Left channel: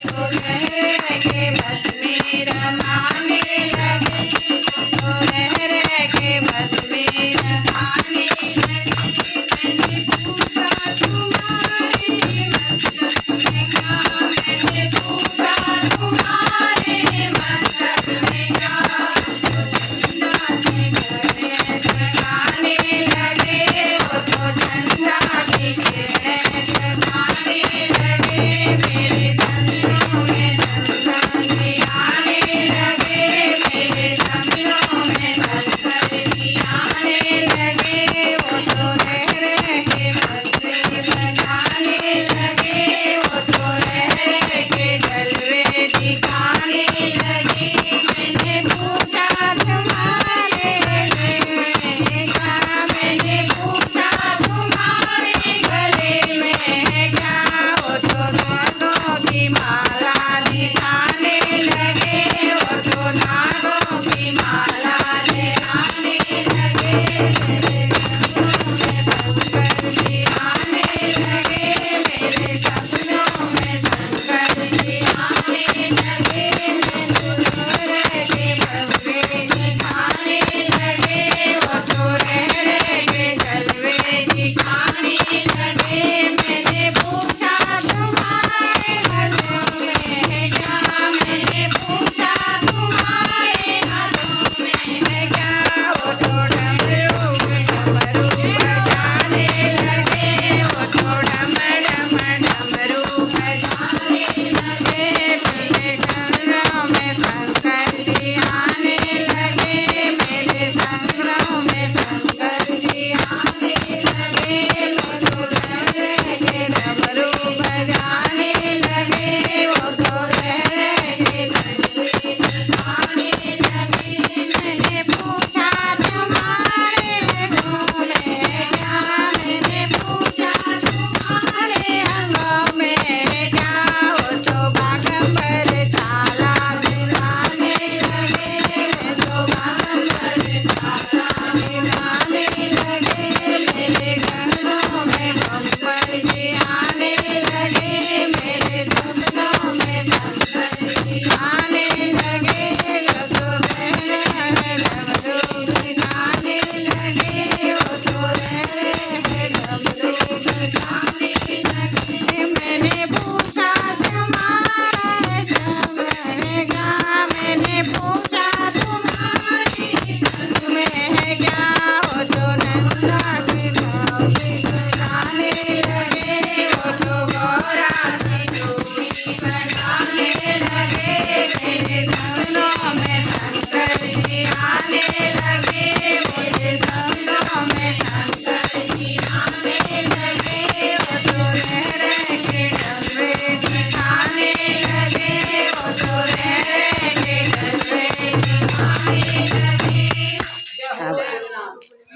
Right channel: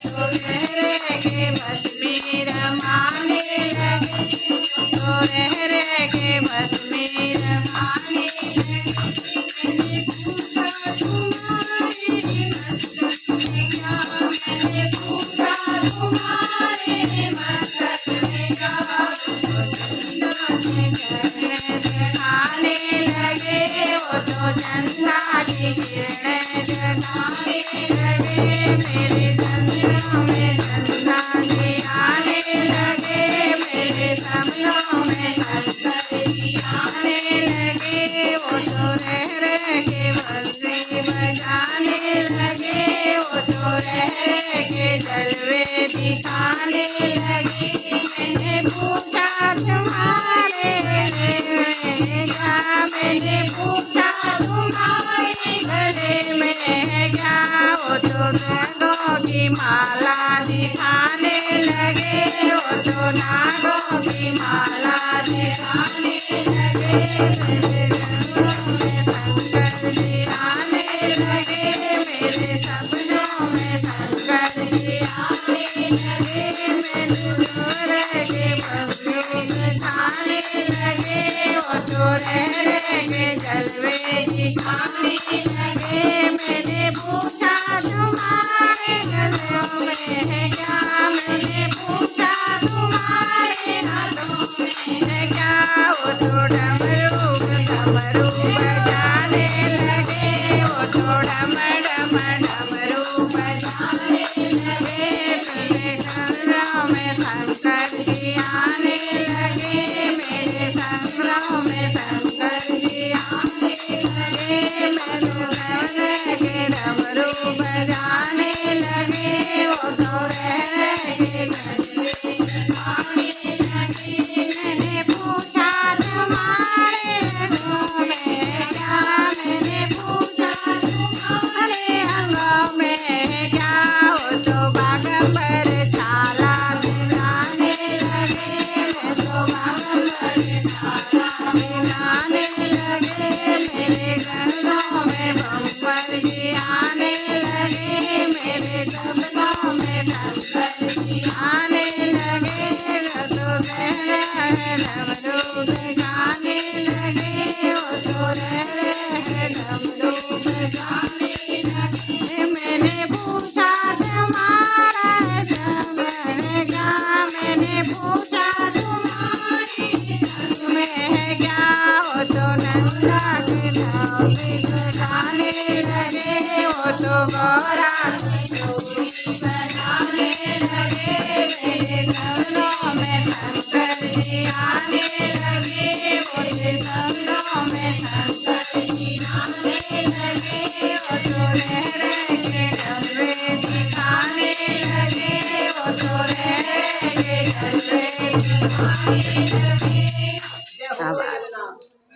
तो रह के बस में रमाने लगे, तो रह के बस में रमाने लगे। मैंने पूछा तुम्हारे मकसद में क्या, मैंने पूछा तुम्हारे मकसद में क्या। जगाने लगे, वो तो चंदा की किरणें जगाने लगे। मेरे सपनों में चंदा के आने लगे, मेरे सपनों में चंदा के आने लगे। वो तो रह के बंसी बजाने लगे, वो तो रह के जलवे दिखाने लगे। मैंने पूछा तुम्हारे मैंने पूछा तुम्हारे गले में है क्या, वो तो नागों की माला दिखाने लगे, वो तो नागों की माला दिखाने लगे। मेरे सपनों में शंकर जी आने लगे, मेरे सपनों में शंकर जी आने लगे। मैंने के बंसी दिखाने लगे, वो तो रह के जलवे दिखाने लगे। मैंने पूछा तुम्हारे गलों में है क्या, मैंने पूछा तुम्हारे हाथों में है क्या। वो तो डमरू डमरू बजाने लगे, वो तो डम डम डमरू बजाने लगे। मेरे गलों में शंकर जी आने लगे, मेरे संग्रह में शंकर जी आने लगे। मैं डमरू बजाने लगे, वो तो रह के बंसी बजाने लगे। मैंने पूछा तुम्हारे रंगों में है क्या, मैंने पूछा तुम्हारे अंगों में है क्या। वो तो बागंबर छाला दिखाने लगे, मैं तो बागंबर छाला दिखाने लगे। मेरे गलों में बम्बर जी आने लगे, मेरे सपनों में शंकर जी आने लगे। तो डमरू बजाने लगे, वो तो डमरू बजाने लगे। मैंने पूछा तुम्हारा सब है क्या, मैंने पूछा तुम्हारी सब में है क्या। वो तो नंदा के भाव बजाने लगे, वो तो गौरा बजाने लगे। मेरे सपनों में शंकर जी आने लगे, मुझे सपनों में शंकर जी आने लगे। वो तो रह के डमरे दिखाने लगे, वो तो रह के डमरे दिखाने लगे।